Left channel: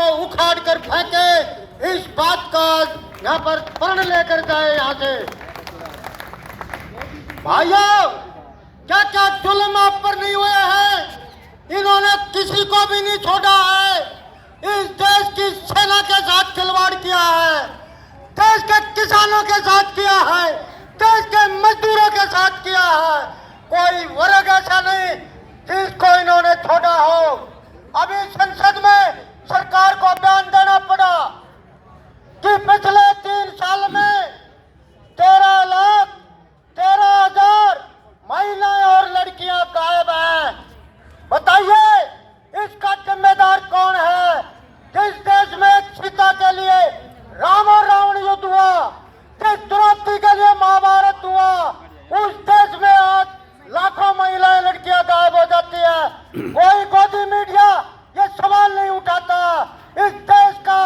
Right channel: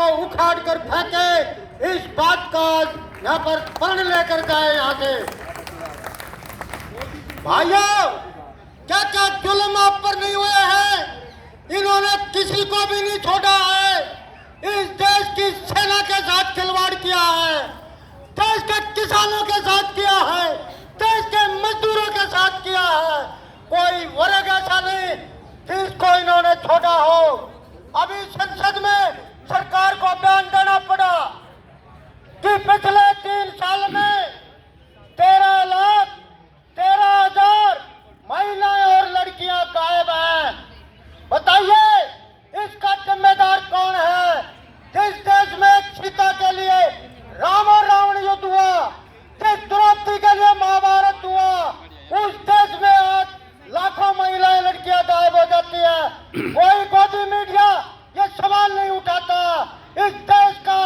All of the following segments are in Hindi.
को उखाड़ कर फेंके, इस बात का यहाँ पर प्रण लेकर जाए यहाँ से। भाइयों, क्या क्या जुल्म आप पर नहीं हुए हैं? इन्होंने किसी को भी नहीं छोड़ा है। इस देश की सेना के साथ खिलवाड़ किया है, देश के किसानों के साथ किया है, देश के मजदूरों के साथ किया है। कोई वर्ग ऐसा नहीं जिसको इन्होंने छोड़ा हो। अभी संसद में सरकार को बयान देना पड़ा कि पिछले 3 साल में 13,13,000 महिलाएं और लड़कियां गायब हैं। बताइए, इसका जिम्मेदार कौन है? जिस देश में एक सीता के लिए राम और रावण युद्ध हुआ, जिस द्रौपदी के लिए महाभारत हुआ, उस देश में आज लाखों महिलाएं लड़कियां गायब हो जाती है। कोई गोदी मीडिया ये सवाल नहीं उठाता। इस देश का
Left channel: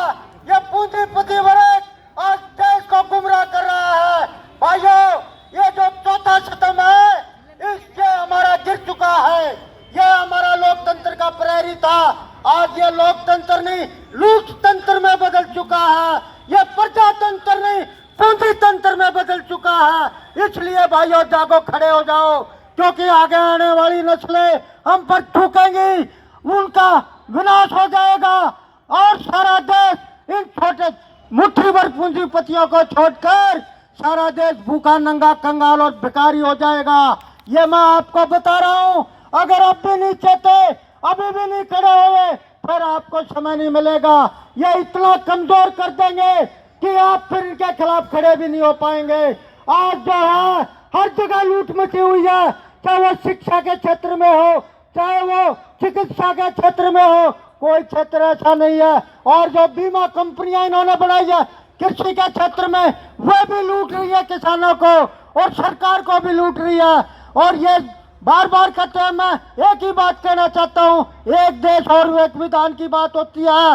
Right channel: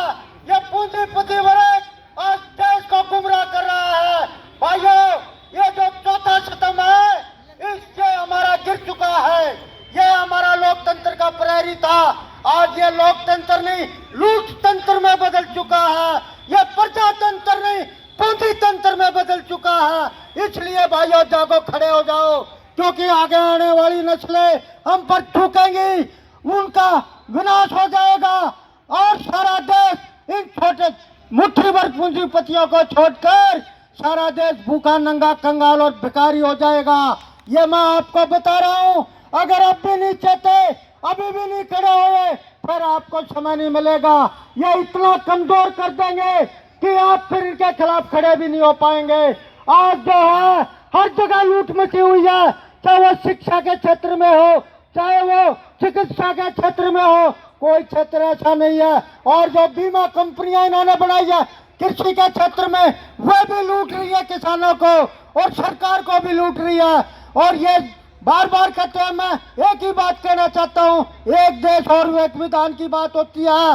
ये पूंजीपति वर्ग आज देश को गुमराह कर रहा है। भाइयों, ये जो चौथा सितम है, इससे हमारा गिर चुका है। ये हमारा लोकतंत्र का प्रहरी था, आज ये लोकतंत्र नहीं लूट तंत्र में बदल चुका है। ये प्रजातंत्र नहीं पूंजी तंत्र में बदल चुका है। इसलिए भाइयों, जागो, खड़े हो जाओ, क्योंकि आगे आने वाली नस्लें हम पर थूकेंगी, उनका विनाश हो जाएगा और सारा देश इन छोटे मुट्ठी भर पूंजीपतियों को छोड़कर सारा देश भूखा, नंगा, कंगाल और भिखारी हो जाएगा। ये मैं आपको बता रहा हूँ। अगर आप भी नहीं चाहते, अभी भी नहीं खड़े हुए, फिर आपको समय नहीं मिलेगा। ये इतना कमजोर कर देंगे कि आप फिर इनके खिलाफ खड़े भी नहीं हो पाएंगे। आज जो है हर जगह लूट मची हुई है, चाहे वो शिक्षा के क्षेत्र में हो, चाहे वो चिकित्सा के क्षेत्र में हो, कोई क्षेत्र ऐसा नहीं है। और जो बीमा कंपनियां इन्होंने बनाई है कृषि के क्षेत्र में, वो भी लूट रही है किसानों को और सरकार को भी लूट रही है। और ये बार बार कहते हैं, मैं एक ही बात कहना चाहता हूँ, एक देश और एक विधान की बात होती है।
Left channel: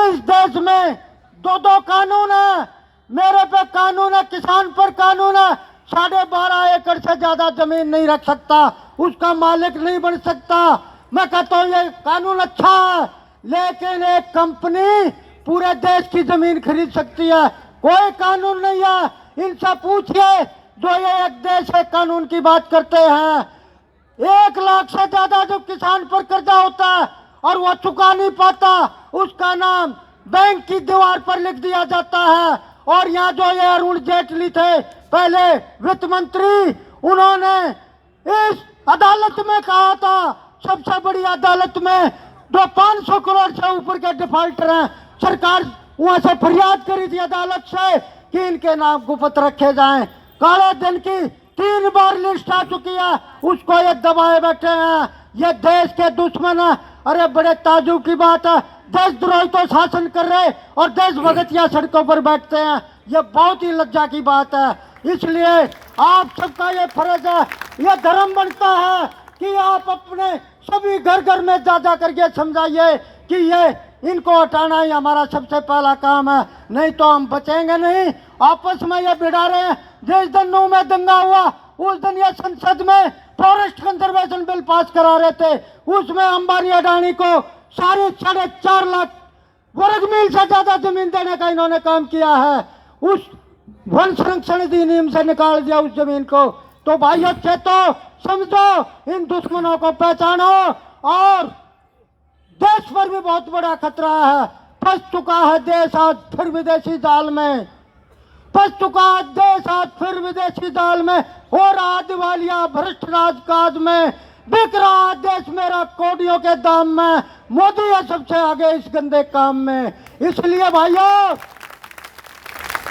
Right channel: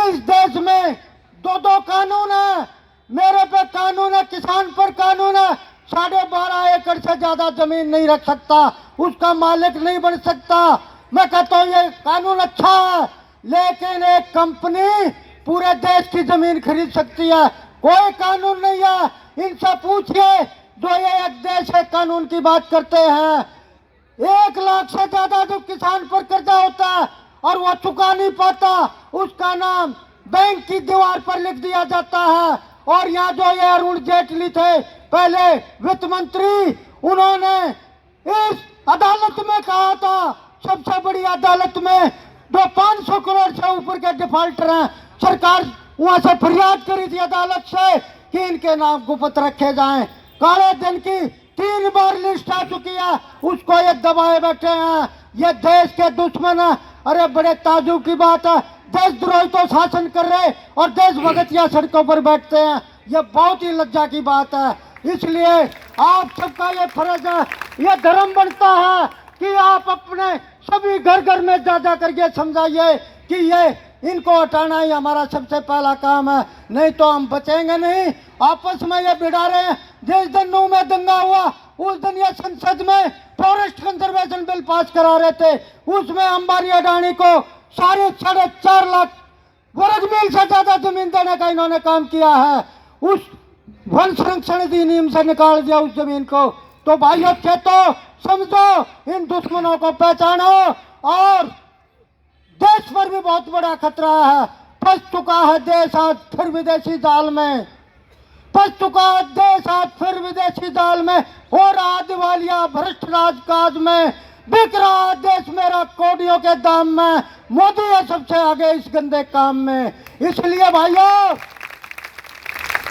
इस देश में 2-2 कानून है। मेरे पे कानून है, किसान पर कानून है। 12.5 एकड़ से ज्यादा जमीन नहीं रख सकता, उसका मालिक नहीं बन सकता। मैं कहता हूँ ये कानून अच्छा है, लेकिन एक कंपनी पूरे देश की जमीन खरीद सकती है, कोई कानून नहीं है। इनसे पूछिए जो ये एक देश एक कानून की बात करते हैं। 1 लाख से ज्यादा जो किसान पर कर्जा होता है और वो चुका नहीं पाता, उसका नाम बैंक की दीवार पर लिख दिया जाता है। और यहाँ जो ये अरुण जेटली थे, पहले वित्त मंत्री, उन्होंने इस अदालत में कहा था, सबसे बड़ी अदालत में, जो 500 करोड़ से ऊपर के डिफॉल्टर हैं, सरकार वहां से फरियाद करी थी अदालत से कि इनके नाम गुप्त रखे जाएं। काले धन की 3 बार लिस्ट आ चुकी है, उसको ये दबाए बैठे हैं। ये देश के दुश्मन है। अरे बड़े ताजुब की बात है, देशद्रोही तो शासन कर रहे और देश भगतिया सड़कों पर बैठते हैं। ये बहुत ही लज्जा की बात है। इसलिए आप सबका ये फर्ज है, ये धर्म बनता है कि आप अपने सभी घर घर में जा करके समझाइए कि ये इनको हटाना ही हमारा सबसे पहला काम है, नहीं तो हम बचेंगे नहीं। आपस में ये भिड़ा रहे हैं। जिस दिन नू में दंगा हुआ, उस दिन ये संसद में फॉरेस्ट कंजर्वेशन बिल पास करा रहे थे, उसमें अंबानी अडानी को 4.5 लाख वर्ग मील से ज्यादा जमीन देने का इन्होंने काम किया है। उस वन संरक्षण अधिनियम से निकाल दिया उस जमीन को। तो भाइयों, चेतो, समझो, इन दुश्मनों को पहचानो। और देश पर भी बहुत बड़ा खतरा है। फंस चुका है देश आज फिर विदेशी जाल में, फंस चुका है देश आज फिर विदेशी जाल में। हो रहा दिवालिया भ्रष्ट राजकाज में, बिक रहा देश मेरा कौड़ियों के दाम में। मोदी है सबसे आगे इस गंदे काम में। इसलिए भाइयों,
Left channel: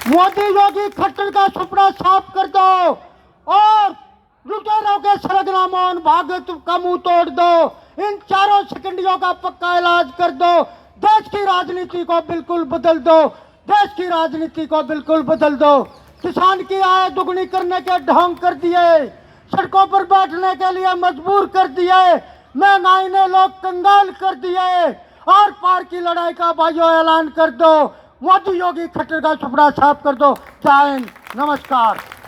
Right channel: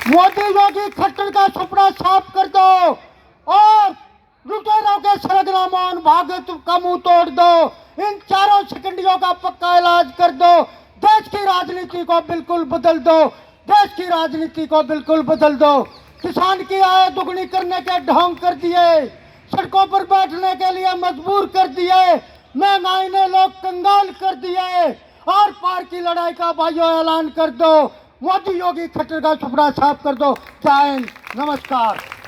मोदी योगी खट्टर का सपना साफ कर दो और लुटेरों के सरगनामान भागत का मुंह तोड़ दो। इन चारों सिकंडियों का पक्का इलाज कर दो। देश की राजनीति को बिल्कुल बदल दो, देश की राजनीति को बिल्कुल बदल दो। किसान की आय दुगनी करने के ढोंग कर दिए, सड़कों पर बैठने के लिए मजबूर कर दिए, महंगाई ने लोग कंगाल कर दिए। और पार की लड़ाई का भाइयों ऐलान कर दो। मोदी योगी खट्टर का सपना साफ कर दो। जय हिंद, नमस्कार।